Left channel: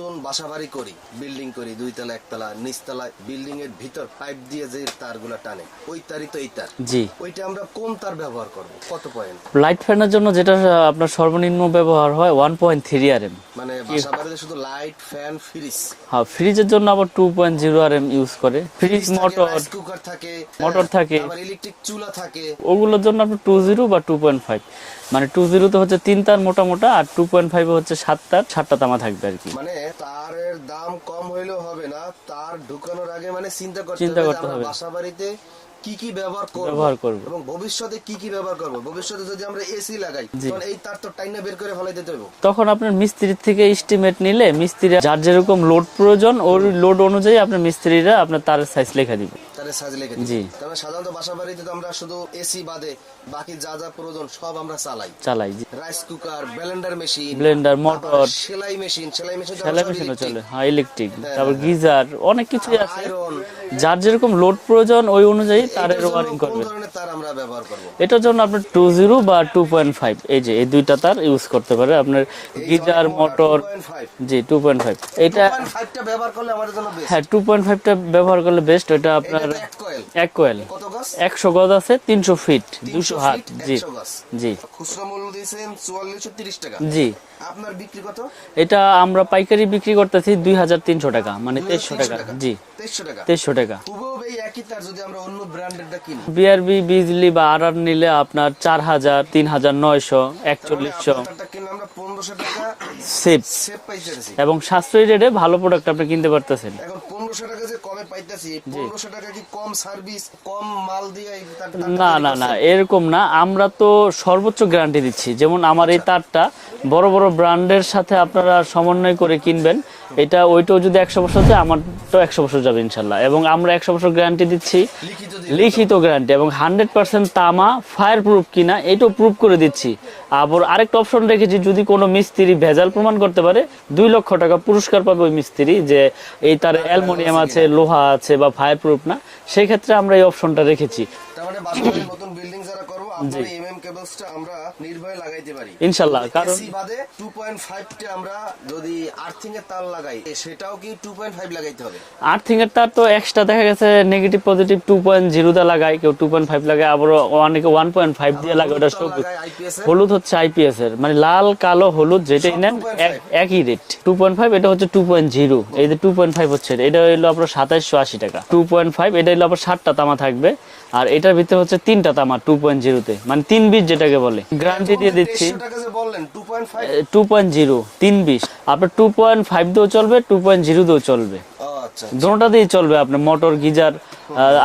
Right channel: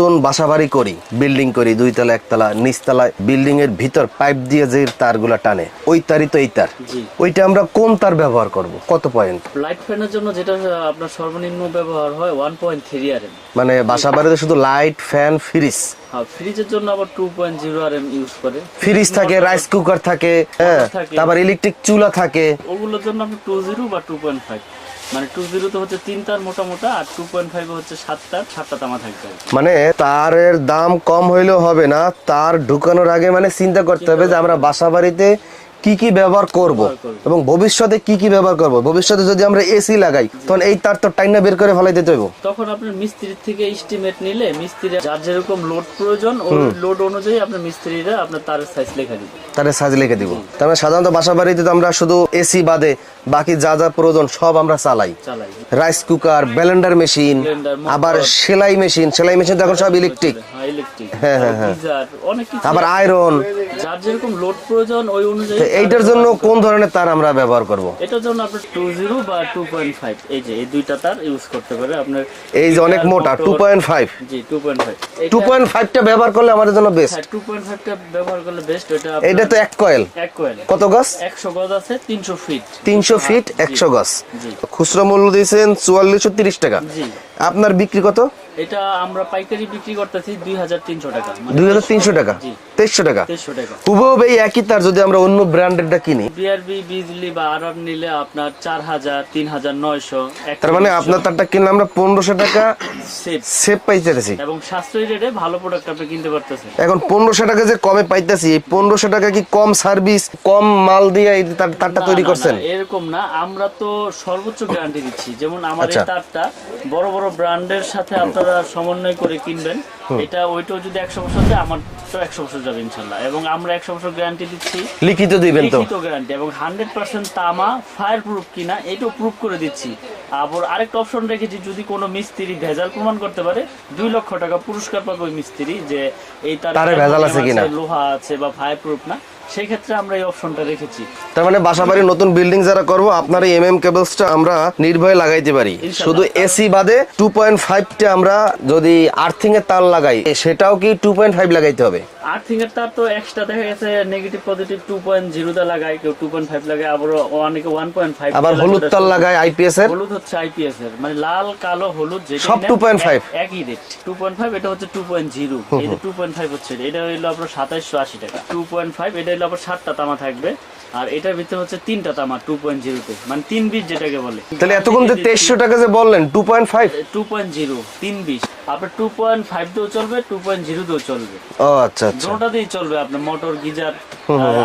নতুন বাসাবাড়ি করি, বিল্ডিং করি, 2 তলা 1 তলা, নিচতলায় বিল্ডিং এর ভিতর পাইপ দিয়ে যে তারগুলা টানে, ওই তারই তো এই তার। জি, ওইটা আমরা কোন তার ব্যবহার করব, কত পয়েন্ট? লাইট ফ্যানের জন্য যেটা আপনার সর্বনিম্ন ব্যবহার হয় 1.3 আরএম। মানে বাসাবাড়িতে শুধু লাইট, ফ্যান, ফ্রিজ। হ্যাঁ, ফ্রিজের জন্য আবার 2.0 আরএম ইউজ করে। ফ্রিজ থাকে, রাইস কুকার থাকে, থাকে, তারপর ইলেকট্রিক চুলা থাকে। ওগুলোর জন্য আপনি 20 বা 2.5, মানে 20 তে হচ্ছে 3 তার মোটা মোটা, আর 2.5 হচ্ছে 7টা তামা থাকবে আর কি। মানে তারের দাম কম হইলেও হবে না, তার ঢুকানোর আগে মানে চিন্তা করতে হবে যে আমরা বাসাবাড়িতে কি কি ব্যবহার করব এবং ভবিষ্যতে কি কি ব্যবহার করব। ভবিষ্যতে যদি আমরা এসি লাগাই তখন এই তার তো টাইনা বের করে ফেলাই দিতে হইব। তখন আপনার মিস্ত্রির থেকে এস্টিমেট নিলে মিস্ত্রি যার যেরকম লোড প্রয়োজন ওই লোড অনুযায়ী আপনার মিস্ত্রিরা আপনার তারের সাইজ লেখা দিবে, তারের সাইজ লিখে দিব। তার মানে সাধারণত বাসাবাড়িতে তো আমরা শুধু এসি বাদে বাকি যা যা প্রয়োজন সব আমরা চালাই। রাইস কুকার, ব্লেন্ডার মেশিন, আবার সেলাই মেশিন তো এখন সব ইলেকট্রিক, গিজার, অনেক কিছু, আবার আয়রন। যার যেরকম লোড প্রয়োজন ওই অনুযায়ী। এইটার জন্য কোন ধরনের তার আমরা ব্যবহার করব? এটার জন্য আপনি 20 বা 2.5, এই যে এই দুইটা তার ইউজ করতে পারে আপনার। এই যে অনেক মোটা 2.5। জি, 2.5। এই 2.5 টা ব্যবহার করলে আমাদের জন্য বেস্ট। হ্যাঁ, 2.5 টা ব্যবহার করলে বেস্ট। এটা তো এক কয়েল। কত গজ? 100 গজ আছে, 300 ফিট। 300 ফিট 100 গজ। জি। খুচরা মূল্য দিয়েছেন 4430 টাকা। জি। আপনার বিক্রি কত? এটা আমরা পাইকারি বিক্রি করতেছি 2300 টাকা, মানে 2300 টাকা। জি, 2300 টাকা। 2300 টাকা। হুবহু এই একই তার যদি আমরা অন্য ব্র্যান্ডেরটা কিনি, বিআরবি, বিজলি বা আরআর নিলে আপনার 4000, 3900। তার মানে আপনার তারটা কিনলে আমরা 1500 টাকা সেভ পাইতেছি এবং সাশ্রয়ী রেটে ভালো প্রোডাক্ট আপনি কিনতে পারতেছেন। এখন 1500 টাকা যে কমে পাইতেছি, এই 1500 টাকা কি কম সার্ভিস, কম মাল দিয়ে এই তারটা তৈরি করছেন? এরকম না, আমরা তো সর্বোচ্চ গ্যারান্টি দিচ্ছি। যেমন আমার এই তারটা বড় বড় ব্র্যান্ডের সাথে আপনারা সমন্বয় করে কিনবেন, এটা ওইটাও যদি 100 বছর যায়, আমার তো 100 বছর যাবে ইনশাল্লাহ। এবং আমরা 100 বছর গ্যারান্টি দিচ্ছি, লিখিত গ্যারান্টি, এবং 100% তামা ফায়ার প্রুফ কিনা এটাও প্রুফ করে দিচ্ছি। আবার আরেকটা অপশন রেখেছি, যদি কোনো মিস্ত্রি ভেজাল প্রমাণ করতে পারে 2 লক্ষ টাকা পুরস্কার পাবে ওই মিস্ত্রি, যে এই তার লোহা আছে বা ফায়ার প্রুফ না, সেই ক্ষেত্রে আমরা এই অপশনটা রেখেছি। তার মানে বাসাবাড়ি নতুন বিল্ডিং যারা করব, আপনার এই এমএম কেবলসটা আমরা নির্ভয়ে লাগাইতে পারি। শুধু এসি বাদে 2.5 টা আমরা যদি আর্থিং এর তার লাগাই, সেটাও কি 2.5 লাগাইতে হবে? আর্থিং এর তার তো এক্সট্রা দেখা গেছে নেগেটিভ পজিটিভ 2.0 দা লাগায়, কেউ 2.5 লাগায়, আবার অনেকে 1.5 আবার হলুদ তার লাগায় আইপিএস এর। হলুদ হচ্ছে আইপিএস এর, মানে লাল কালো হলুদ যেটাই না 2.5 একই রেট। 2.5 এটা হচ্ছে 2.0, এই যে 2.5 হচ্ছে এটা হলো আপনার 2780 টাকা। 2.5 এটা হলো আপনার 7টা তামা থাকবে, আর এটার ভিতরে হচ্ছে 3টা তামা 2.0 তে, মানে 3 বিট যেটাকে বলে। তাহলে এতক্ষণ যে 2300 টাকা যে বললেন 2.5 3 বিট আপনার 2.5 দিয়েও চলবে, 2.0 দিয়েও চলবে। ও আচ্ছা, দুটোটা দিয়েই চলবে আপনার, মোটর, গিজার,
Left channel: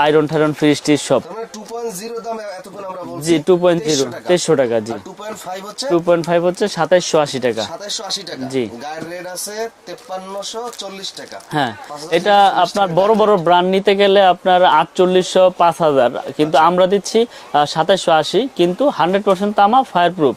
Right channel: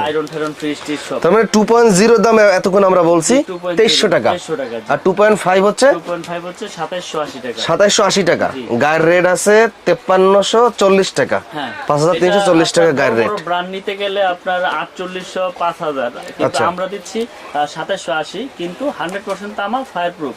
আয়রন ঠায়রন, ফ্রিজ টিজ সব। তার মানে 2.0 দাম এতক্ষণ আমরা বলছি 2300 টাকা। 2300 টাকা। আর 2.5 হচ্ছে 2780 টাকা। 2780 টাকা। গায়ের রেট আছে 5340 টাকা। হ্যাঁ, 5340 টাকা বড় বড় ব্র্যান্ড নিতে গেলে আপনার 4800, 5000, কিন্তু আমরা দিচ্ছি 2780, কিন্তু 100% তামা ফায়ার প্রুফ।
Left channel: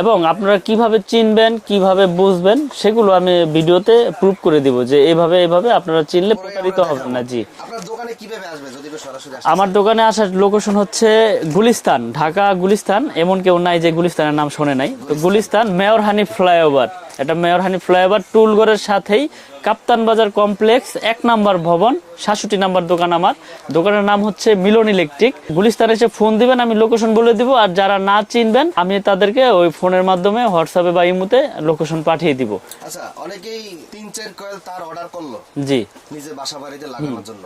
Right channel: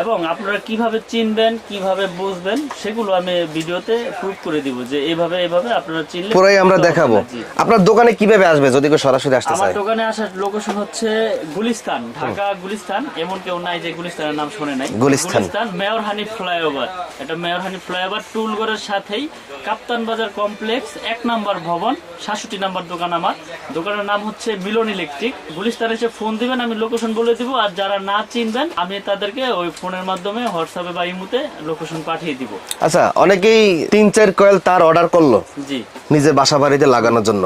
এবং আপনারা কিভাবে চিনবেন, কিভাবে বুঝবেন, সেগুলো আমি ভিডিওতে প্রুফ করে দিব, যে এইভাবে এইভাবে আপনারা চিনলে পুরোই আমরা দেখাবো। আপনার দোকানে কিভাবে আসবে যদি কেউ সরাসরি আসতে চায়? আমার দোকানে আসার লোকেশন হচ্ছে গুলিস্তান, ঢাকা গুলিস্তান। এমন কেউ নাই যে গুলিস্তানের নাম শুনে নাই। গুলিস্তান মেয়র হানি ফ্লাইওভার, এটা মেয়র হানি ফ্লাইওভার টুলঘরের সাথেই কাপ্তান বাজার কমপ্লেক্স 1 নাম্বার ভবন, 67 নাম্বার দোকান আমার। দোকানের নাম হচ্ছে মিলন ইলেকট্রিক। গুলিস্তানে এসে ফোন দিবেন, আমি লোকেশন বলে দিব। আর যারা না চিনবেন, আমি তাদেরকে ওই ফোনের মাধ্যমে হোয়াটসঅ্যাপে বা ইমোতে লোকেশন পাঠিয়ে দিব। আচ্ছা, অনেকেই 3-4 কয়েল তার অর্ডার করলো জি নিজে বাসা বাড়িতে লাগানোর জন্য,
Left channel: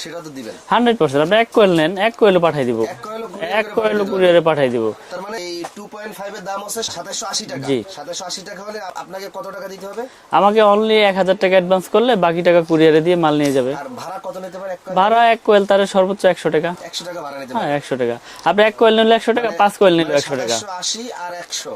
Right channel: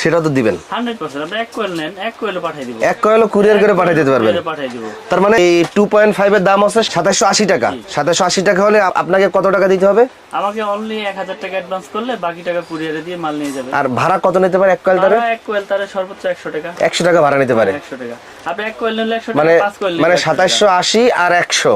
সেটা তো দিবেন 100%। আপনি 1 কয়েল নেন, 1 কয়েলে পাঠিয়ে দিব। 1 কয়েলও কুরিয়ার করে পাঠিয়ে দিতে পারবেন। পাঠিয়ে দিব। তার মানে এই 2.5 এর দাম আছে 2780 টাকা। 2780 টাকা হলে আপনাকে কত টাকা দিতে হবে? আমাকে অনলি 1000 টাকা অ্যাডভান্স করলে বাকি টাকা কুরিয়ারে দিয়ে মাল নিয়ে যাবে। আর ভাড়া কত নিতে পারে 1 কয়েল? ভাড়া 1 কয়েল তার সর্বোচ্চ 100 টাকা। 100 টাকা ভাড়া নিতে পারে। 100 টাকা। আপনি 1 কয়েল নিলে 100 টাকা, 5 কয়েল নিলে মানে 2780 আর 100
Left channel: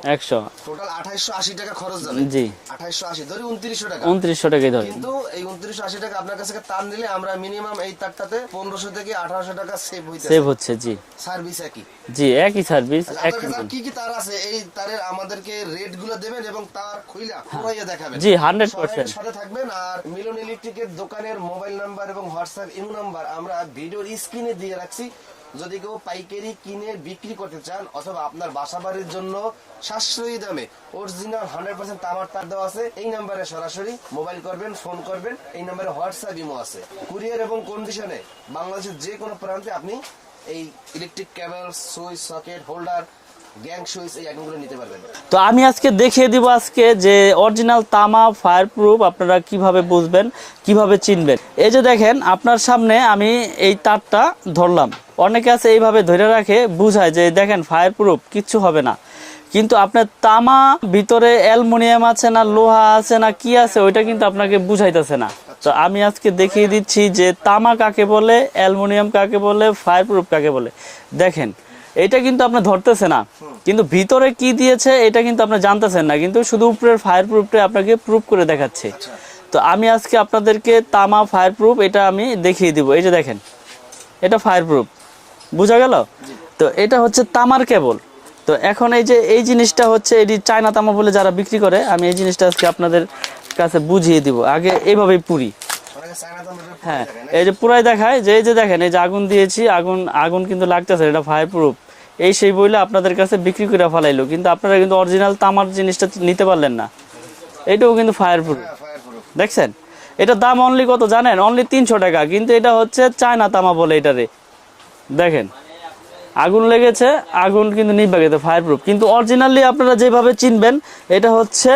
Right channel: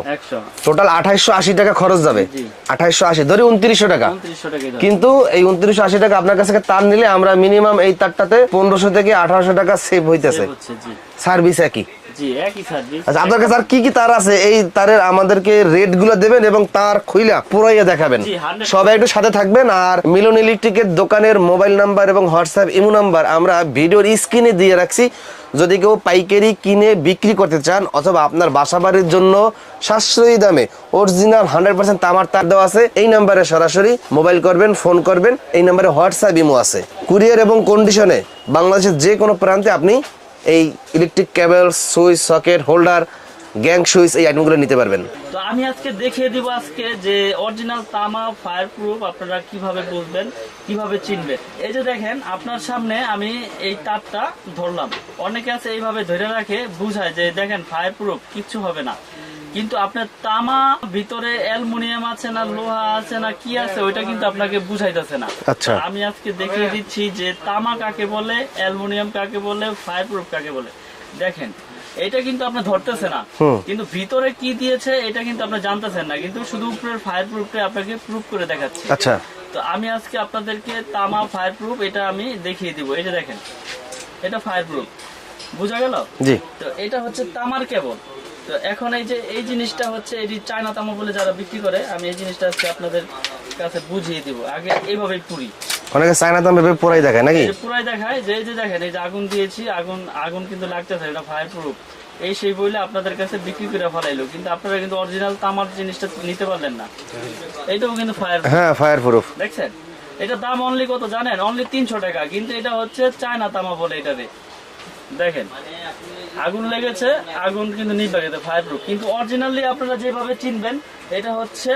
টোটাল 2880 টাকা খরচ যাবে। জি, 2880 ধরি 2900 টাকা। 2900 টাকাই ধরে। কিন্তু এই 2980 টাকা আপনার কাছে তার নিলে আমরা মিনিমাম এই তারটাতে 1500 থেকে 1800 টাকা সেভ হচ্ছে। জি, সার্ভিস একই। জি, একই সার্ভিস। আচ্ছা, আপনার কাছে আর কি কি তার আছে? এই তারের আমাদেরকে রেট গুলো দেবেন এবং তার খুইলা পুরাইয়া দেখাবেন। জি, 100% সবাই একটু সাথে থাকবেন। আর মিলন ইলেকট্রিকের দোকানের মোবাইল নাম্বার এবং হোয়াটসঅ্যাপ ইমো নাম্বার আমরা ভিডিওর স্ক্রিনে দিয়ে রাখছি। যদি কেউ পাইকারি কিনে বিক্রি করতে চান অথবা আপনার বাসাবাড়ির জন্য সাশ্রয়ী দামে অরিজিনাল 100% তামার তার দেওয়া আছে, এই নাম্বারে সরাসরি মোবাইল করবেন, ফোন করবেন। এই নাম্বারে হোয়াটসঅ্যাপ ইমো আছে। কুরিয়ার এবং কন্ডিশনে বাংলাদেশের যে কোনো প্রান্তে আপনি এই electric cable, switch, socket, holder, gang switch এই আইটেমগুলো নিতে পারবেন। তো আমি আজকে দেখিয়ে দিব আজকে যে অরিজিনাল তামা ফায়ার প্রুফ আপনারা কিভাবে বুঝবেন, কিভাবে চিনবেন। এই যে দেখেন আপনার সামনে আমি এই তারটা ধরলাম, অনেকে আছে এইভাবে ধরে রাখে, বুঝায় যে দেখেন ফায়ার প্রুফ কিচ্ছু হবে না, কিন্তু আপনার তামা ভিতরে অ্যালুমিনিয়াম আছে না লোহা আছে না কি আছে ওইটা কিন্তু আপনাকে বুঝাইতেছে না। তো আমি আজকে দেখিয়ে দিচ্ছি যে তামা কাকে বলে, অ্যালুমিনিয়াম কাকে বলে, ফায়ার প্রুফ কাকে বলে। দেখেন এটা কিন্তু আপনি ধরতেছে না, কিন্তু ভিতরে কি দিয়েছে এটা কিন্তু আপনি জানতেছেন না, কিন্তু শুধু উপরের ফায়ার প্রুফটা আপনাকে প্রুফ করে দেখাচ্ছে। আচ্ছা, তো আমি আজকে আপনাদেরকে তামা ফায়ার প্রুফ এটা আমি দেখিয়ে দিব। এই যে দেখেন এটা ফায়ার প্রুফ, বোঝা গেল? জি। তো এটা হচ্ছে তামার কেবল। তো এখন এই যে এই জিনিসটা হচ্ছে এটি চায়না তামা বলে যারা বিক্রি করে, আমি এই জিনিসটা আজকে আপনাদের কাছে বুঝিয়ে দিব। আগে এইভাবে পুরি, অনেকে চায়না তামা ভেবে পুরাই দেখায় নাকি? এই যে পুরাই দেখায় যে এই যে দেখেন এই যে আগুন দিয়েছি, আগুন কিন্তু লাগতেছে, এটা ফায়ার প্রুফ। এই সেই বইলে আপনাদের কাছে বিক্রি করে ফেলাইলো, কিন্তু আপনারা কিন্তু অরিজিনাল তামার জিনিসটা নিতে পারলেন না। এটাও কিন্তু ফায়ার প্রুফ। হ্যাঁ, ফায়ার প্রুফ। দেখছেন এটা দাম অনলি কত জানেন? অনলি 300 টাকা, কিন্তু এটা হচ্ছে চায়না তামা বলে এটারে। দেখেন আগুন লেগেছে, আগুন কিন্তু নিভে গেছে, ফায়ার প্রুফ। কিন্তু অরিজিনালি আপনারা যেভাবে চিনবেন এটা হচ্ছে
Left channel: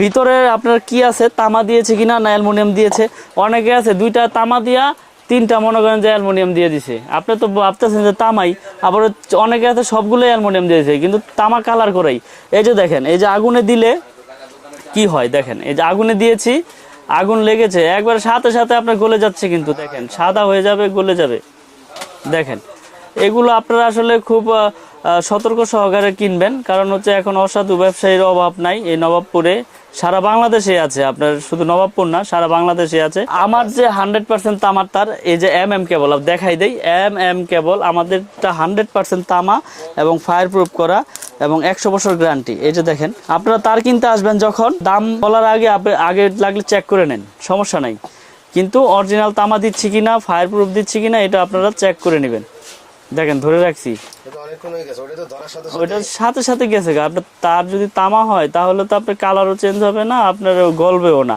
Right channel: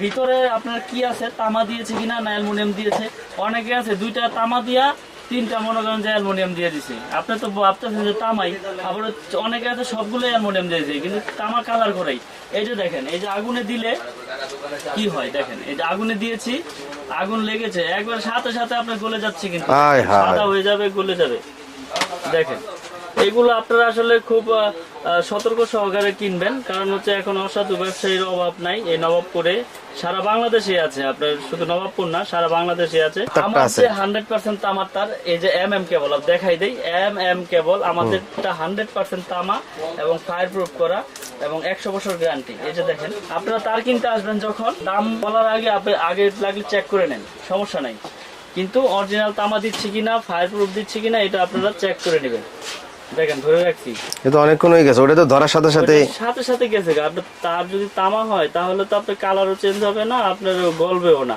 ভিতরে আপনার কি আছে, তামা দিয়েছে কিনা না অ্যালুমিনিয়াম দিয়েছে। অনেকে আছে দুইটা তামা দিয়া তিনটা মনে করেন যে অ্যালুমিনিয়াম দিয়ে দিছে, আপনি তো ভাবতেছেন যে তামাই, আবার অনেকে আছে সবগুলো অ্যালুমিনিয়াম দিয়েছে কিন্তু তামা কালার করেই। এই যে দেখেন এই যে আগুনে দিলে কি হয়, দেখেন এই যে আগুনে দিয়েছি, আগুন লেগেছে, একবার সাথে সাথে আপনার গলে যাচ্ছে, কিন্তু সাদা হয়ে যাবে, গলে যাবে। দেখেন এগুলো আপনারা আসলে খুব সতর্ক সহকারে কিনবেন, কারণ হচ্ছে এখন অসাধু ব্যবসায়ীর অভাব নাই এই নবাবপুরে, সারা বাংলাদেশে আছে। আপনার শুধু নবাবপুর না, সারা বাংলাদেশে আছে। আমার যে 100% তামার তার, এই যে MM কেবল দেখাই দেই, MM কেবল আমাদেরটা 100% তামা এবং ফায়ার প্রুফ করা এবং 100 বছর গ্যারান্টি। এই যে দেখেন আপনারা তার কিনতে আসবেন, যখন দাম বলার আগে আগে লাগলে চেক করে নেন, সমস্যা নাই, কিন্তু অরিজিনাল তামা দিচ্ছি কিনা, ফায়ার প্রুফ দিচ্ছি কিনা এটা আপনারা চেক করে নেবেন। দেখেন ধরে রাখছি, এটা অনেকক্ষণ হয়ে গেছে, ওটা তো ধরার সাথে সাথে গেছে। আপনার তার যদি তামা হয় তাহলে তো আপনার কালারও চেঞ্জ হবে না, আপনার গলবেও না।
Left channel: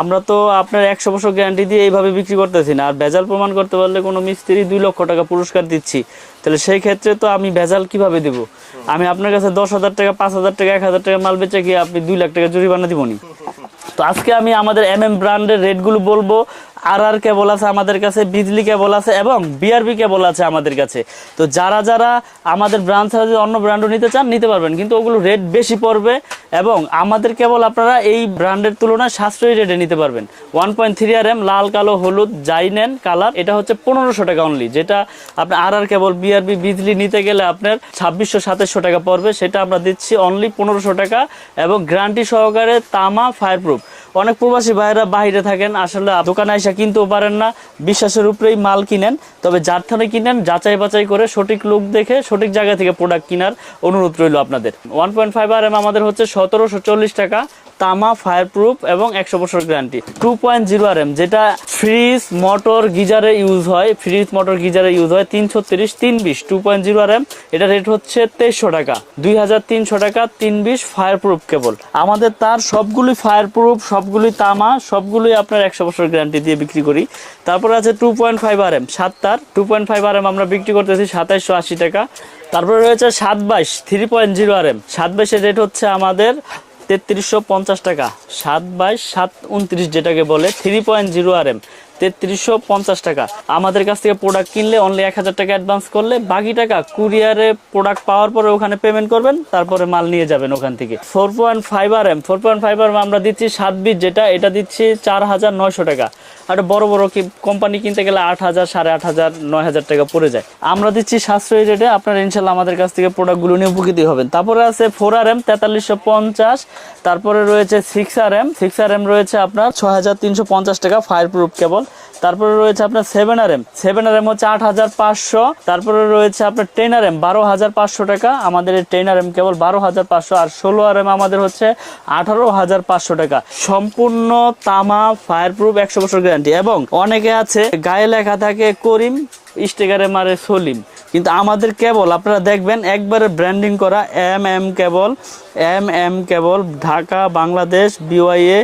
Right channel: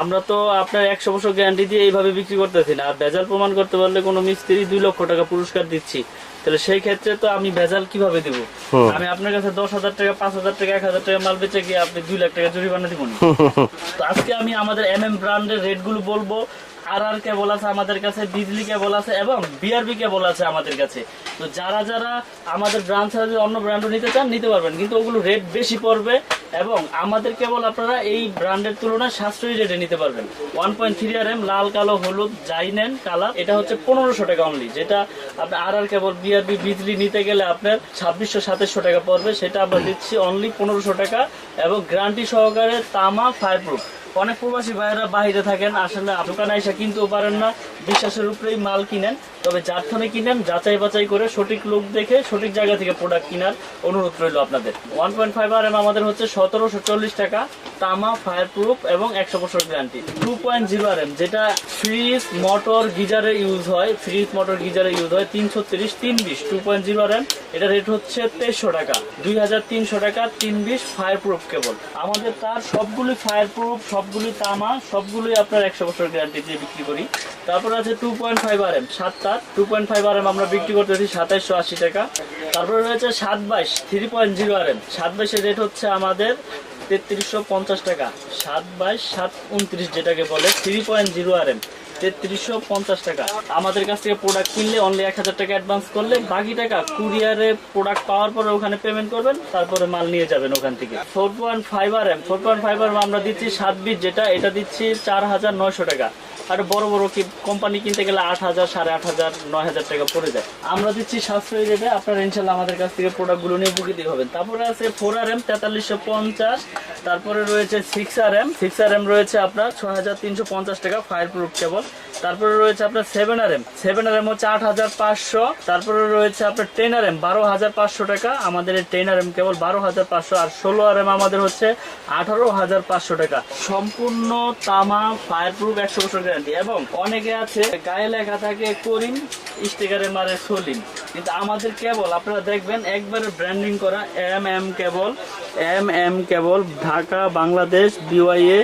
আমরা তো আপনার 100 বছর গ্যারান্টি দিয়ে এইভাবে বিক্রি করতেছি না। আর ভেজাল প্রমাণ করতে পারলে কোনো মিস্ত্রি 2 লক্ষ টাকা পুরস্কার দিচ্ছি, তাহলে সেই ক্ষেত্রে তো আমি ভেজাল কিভাবে দিব? আমি আপনার কাছে 10,000 টাকা, 5,000 টাকা, 1,000 টাকা মাল বেচে গিয়ে আপনি 2 লাখ টাকা জরিমানা দিবনি। তো আজকে আমি আমাদের MM ব্র্যান্ডের রেটগুলো বলবো। RR কেবল আছে আমাদের কাছে, বিজলি কেবল আছে এবং BRB কেবল আছে আমাদের কাছে। তো যারা যারা আমাদের ব্র্যান্ড ছাড়া যদি অন্য ব্র্যান্ডও নিতে চান নিতে পারবেন, কিন্তু ওগুলো রেট বেশি পড়বে এবং আমাদের কেবল আপনারা এই ব্র্যান্ডের তুলনায় সাশ্রয়ী রেটে নিতে পারবেন। 1.3 RM লাল, কালো, হলুদ যাই নেন কালার, এটা হচ্ছে 1500 টাকা অনলি। যেটা আপনার RR কেবল, BRB, বিজলি নিতে গেলে আপনার 2600-2700 টাকা পড়বে, সেটা আমরা দিচ্ছি অনলি 1500 টাকা এবং গ্যারান্টি সহকারে তামা ফায়ার প্রুফ। অনেক প্রবাসী ভাইয়েরা বাইরে থাকেন, আসলে দোকানে এসে কিনতেও পারেন না, বিশ্বাসের উপরেই মাল কিনেন। তবে যার থেকে কিনেন যাচাই বাছাই করে সঠিক লোক দেখে সঠিক জায়গা থেকে প্রোডাক্ট কেনার অনুরোধ রইল আপনাদের। 1.5 RM আমাদের হচ্ছে 1740 টাকা, তামা ফায়ার প্রুফ এবং 100 বছর গ্যারান্টি। 2.0 RM যেটা ফ্রিজ মোটর গিজারে ইউজ হয়, 330 320 2.0 RM, এটা রেট হচ্ছে 2300 টাকা, 2300 টাকা 320 ফায়ার প্রুফ কেবল। আমাদের তার সবগুলি ফায়ার প্রুফ, সবগুলি তামা, সবগুলি আপনার 100 বছর গ্যারান্টি দিয়ে বিক্রি করি। তারপর আছে 2.5 RM 7 তার, 2.5 RM আমরা বিক্রি করতেছি 2780 টাকা। তারপরে রয়েছে 722 3.0 RM, 722 এর রেট হচ্ছে আমাদের 3350 টাকা, 722 729 যেটাকে বলে 3.0 RM 3350 টাকা। আমাদের কাছ থেকে প্রোডাক্ট কিনলে অনলি 1000 টাকা অ্যাডভান্স করলে বাকি টাকা কুরিয়ারে প্রোডাক্ট পাওয়ার পরে ওখানে পেমেন্ট করবেন, তারপরে মাল নিয়ে যাবেন ওখান থেকে। 4.5 RM আমরা দিচ্ছি 7 বিট যেটা, এটা দিচ্ছি 4900 টাকা। আর বড় বড় কোম্পানি কিনতে গেলে 8000, 8500, 9000 টাকা পড়ে যায়। আমরা দিচ্ছি সাশ্রয়ী রেটে, আপনারা ইনশাল্লাহ আমাদের কাছ থেকে প্রোডাক্টগুলো নিয়ে উপকৃত হবেন। তারপরে আছে 4 RM 4350, তারপরে রয়েছে 6 RM রয়েছে আপনার 6350 টাকা ফায়ার প্রুফ কেবল। তারপরে রয়েছে আপনার 7RM 7RM হচ্ছে 8500, তারপরে রয়েছে আপনার 10RM 12500 টাকা, আমাদের এই 10RM কেবল 12500, আর 16RM আমাদের হচ্ছে 18500 টাকা। সম্পূর্ণ তামা, ফায়ারপ্রুফ, 100 বছর গ্যারান্টি। এবং অনেকে আছে গায়ে লেখা থাকে করিম, স্টিকারে মারে সলিম, কিন্তু আমাদের কেবল আপনারা দেখবেন একবারে ব্র্যান্ডিং করা MM কেবল, ঢাকা, বাংলাদেশ, BYA,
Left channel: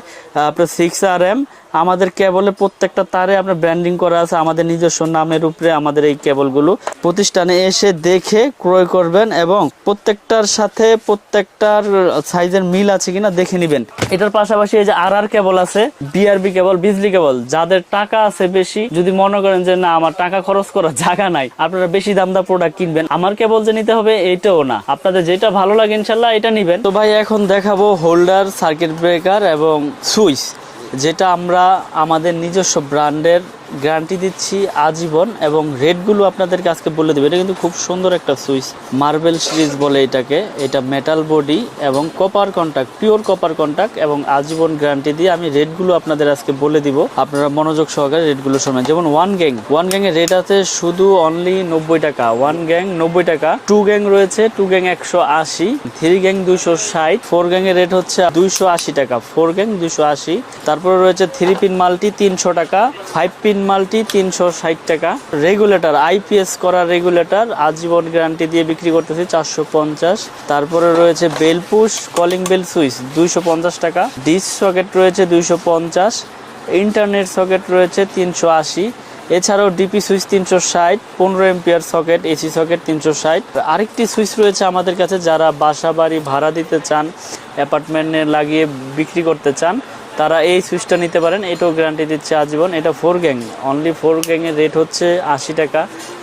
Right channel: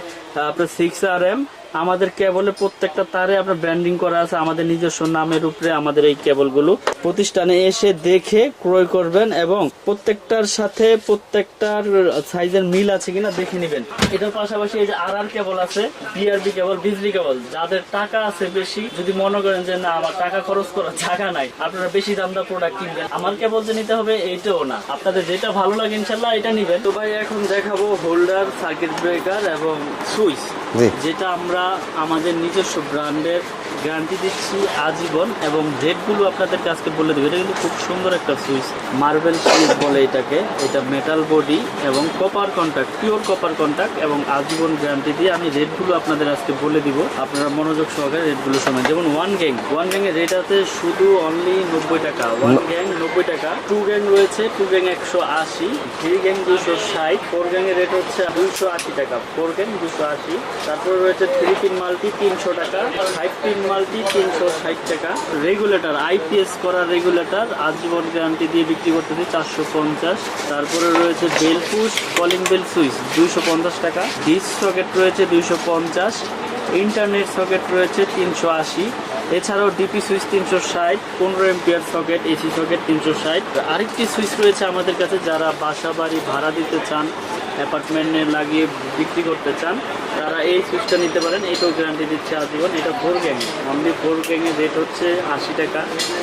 আপনার 6RM। আমাদের কেবলে প্রত্যেকটা তারে আপনার ব্র্যান্ডিং করা আছে আমাদের নিজস্ব নামের উপরে। আমাদের এই কেবলগুলো প্রতিষ্ঠানে এসে দেখে ক্রয় করবেন এবং প্রত্যেকটার সাথে প্রত্যেকটার সাইজের মিল আছে কিনা দেখে নেবেন। এটার পাশাপাশি এই যে RR কেবল আছে, BRB কেবল, বিজলি কেবল। যাদের টাকা আছে বেশি, যদি মনে করেন যে না আমার টাকা খরচ করার জায়গা নাই, আপনারা বেশি দামদার প্রোডাক্ট কিনবেন, আমার কেবল যে নিতে হবে এটাও না, আপনাদের যেটা ভালো লাগে ইনশাল্লাহ এটা নিবেন। তো ভাই এখন দেখাবো হোল্ডার, সার্কিট ব্রেকার এবং সুইচ, যেটা আমরা আমাদের নিজস্ব ব্র্যান্ডের গ্যারান্টি দিচ্ছি আজীবন। এবং রেটগুলো আপনাদেরকে আজকে বলে দেবো। এটা কিন্তু খুব সুন্দর একটা সুইচ, মার্বেল সিরিজ বলে এটাকে। এটা মেটাল বডি এবং copper contact, pure copper contact, এবং আজীবন গ্যারান্টি দিয়ে আমি রেটগুলো আপনাদের আজকে বলে দিব। আপনারা মনোযোগ সহকারে রেটগুলো শোনেন। যেমন ওয়ান গ্যাং এর রেট আছে শুধু অনলি 90 টাকা, ওয়ান গ্যাং 90 টাকা। টু গ্যাং রয়েছে, two gang 180, three gang 260, four gang এর রেট হচ্ছে 280 টাকা, ফোর গ্যাং 280। তারপরে রয়েছে 3 পিন মাল্টি 300 টাকা, 5 পিন মাল্টি 360 টাকা। রেগুলেটর, IPS করা রেগুলেটর আজীবন গ্যারান্টি দিয়ে বিক্রি করতেছি 450। তারপরে রয়েছে bell push calling bell switch 250 টাকা। ডিস সকেট রয়েছে 250, ইন্টারনেট সকেট রয়েছে 380। এছাড়াও DP switch 360, 15 ampere socket, AC socket 360। আরেকটি সুইচ রয়েছে আমাদের কাছে, যারা বাসা বাড়ি ভাড়া দিতে চান, অ্যাপার্টমেন্টে লাগিয়ে বিক্রি করতে চান, তারা এই সুইচটা নিতে পারেন। এটাও গ্যারান্টি দিচ্ছে আজীবন। এটা 4 গ্যাং, অনলি 4 গ্যাংয়ের রেট হচ্ছে 80 টাকা।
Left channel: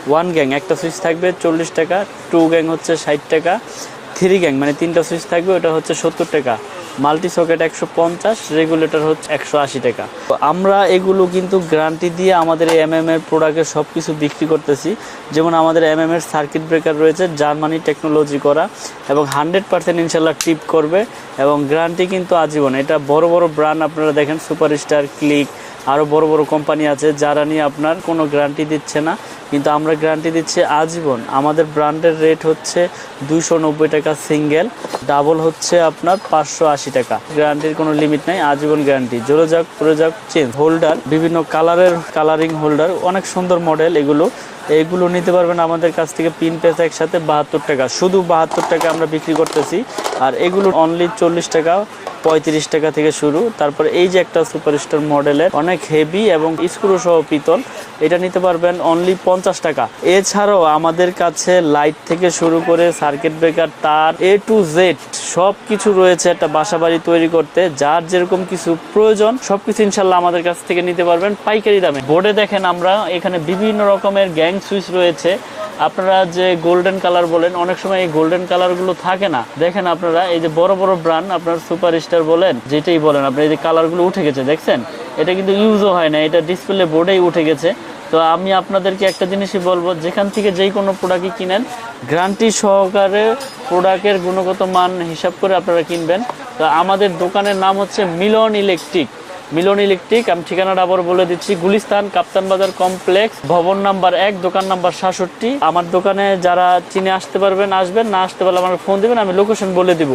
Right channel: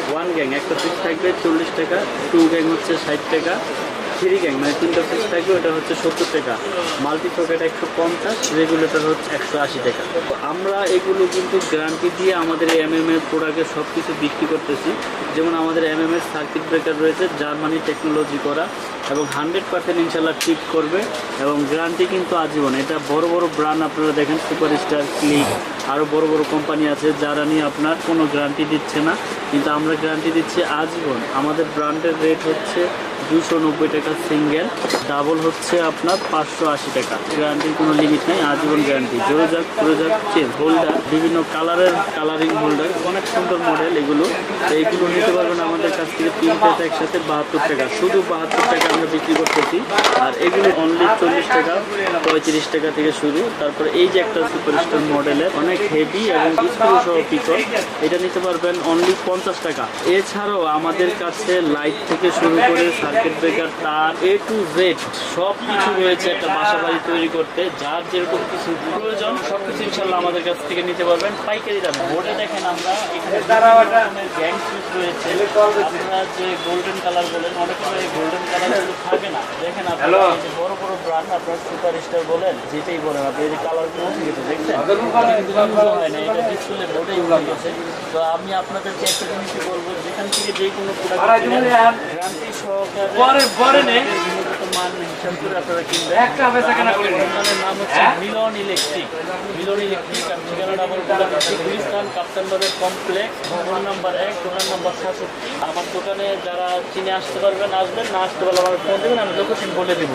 ওয়ান গ্যাং একটা সুইচ থাকবে 40 টাকা, টু গ্যাং হচ্ছে 60 টাকা, থ্রি গ্যাং মানে তিনটা সুইচ থাকবে ওটা হচ্ছে 70 টাকা, মাল্টি সকেট 150, রেগুলেটর হচ্ছে 180 টাকা। তো আমরা এগুলো কিন্তু গ্যারান্টি দিয়ে আমাদের এই MM এর প্রোডাক্টের সব কিছু বিক্রি করতেছি। যেমন আমাদের MM এর সার্কিট ব্রেকার রয়েছে জার্মানি টেকনোলজি করা এবং 100% ইনশাল্লাহ টিপ করবে এবং গ্যারান্টি কিন্তু আজীবন। এটা বড় বড় ব্র্যান্ড আপনারা দেখেন, সুপারস্টার, ক্লিক, আরও বড় বড় কোম্পানি আছে যারা নিয়ে আপনার কোনো গ্যারান্টি দিচ্ছে না, কিন্তু আমরা গ্যারান্টি দিচ্ছি আজীবন। আমাদের ব্র্যান্ডের রেট হচ্ছে 290 টাকা সিঙ্গেল, ডাবল হচ্ছে আপনার 580 টাকা। গ্যারান্টির কোনো লিমিট নেই, আজীবন গ্যারান্টি। জোরে যাক জোরে যাক চেঞ্জ। হোল্ডার বিভিন্ন কালারের, কালারিং হোল্ডার, অনেক সুন্দর মডেল এগুলো নিতে পারবেন আমাদের কাছ থেকে। পিন পেতে একসাথে 72 টাকা, শুধু 72 টাকা আমরা বিক্রি করতেছি। আর এগুলো অনলি 40 টাকা, 35 টাকা থেকে শুরু। তারপরে এই যে একটা সুপারস্টার মডেলের অনেক হেভি এবং স্ক্রু সহ পিতল, এটা নিতে পারবেন অনলি 50 টাকা। এছাড়াও আমাদের কাছে লাইট থেকে শুরু করে সার্কিট ব্রেকার, তার A to Z সব কিছু রয়েছে একটা বাসা বাড়ি তৈরি করতে। যার যেরকম কিছু প্রয়োজন সবকিছু ইনশাল্লাহ আমাদের কাছ থেকে নিতে পারবেন পাইকারি দামে। বোর্ডে দেখেন আমরা এখানে বিভিন্ন রকমের গ্যাং সুইচ রয়েছে। আপনারা যে গোল্ডেন কালার বলেন, অনেক সময় এই গোল্ডেন কালারগুলো থাকে না। দেখেন আপনারা এই যে বড় বড় ব্র্যান্ড, আপনার সুপারস্টার বলেন, যেটাই বলেন, আপনি এই যে কালারগুলো উঠে গেছে দেখছেন, এটা কিন্তু ইউজও হয় না, এটা ডিসপ্লে বোর্ডেই উঠে গেছে। তো আমি আপনাদেরকে একটা জিনিসই বলবো, যেখান থেকে যেই কোনো প্রোডাক্ট কিনেন গ্যারান্টি সহকারে প্রোডাক্টের গুণগত মান হিসাব করে আপনারা কিনবেন। তো আমাদের দোকানের নাম হচ্ছে মিলন ইলেকট্রিক। আমি ঠিকানাটা আবার বলে দিচ্ছি, গুলিস্তান কাপ্তান বাজার কমপ্লেক্স, ভবন নাম্বার 1, দোকান নাম্বার 67। আমার দোকানে যারা চিনে আসতে পারবেন আসবেন, না আসতে পারলে আমার ফোন দেবেন, আমি লোকেশন বলে দিব।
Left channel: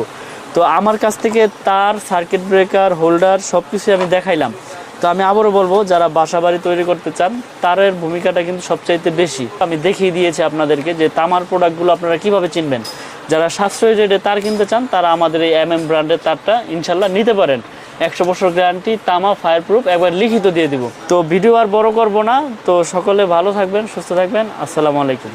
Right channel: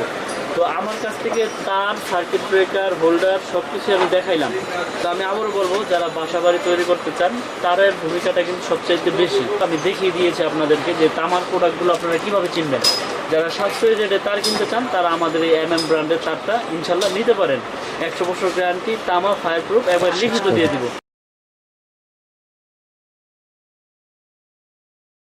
তো আমার কাছ থেকে তার, সার্কিট ব্রেকার, হোল্ডার সবকিছু আমি দেখাইলাম। তো আমি আবারও বলবো, যারা বাসা বাড়ি তৈরি করতে চান তারের ভূমিকাটা কিন্তু সবচাইতে বেশি। আমি দেখিয়ে দিয়েছি আপনাদেরকে যে তামার প্রোডাক্টগুলো আপনারা কিভাবে চিনবেন। যারা সাশ্রয়ী রেটে তার কিনতে চান তারা আমাদের এই MM ব্র্যান্ডের তারটা ইনশাল্লাহ নিতে পারেন। 100 বছর গ্যারান্টি, তামা, ফায়ারপ্রুফ, একবার লিখিত দিয়ে দিব। তো ভিডিও আর বড় করব না। তো সকলে ভালো থাকবেন, সুস্থ থাকবেন। আসসালামু আলাইকুম।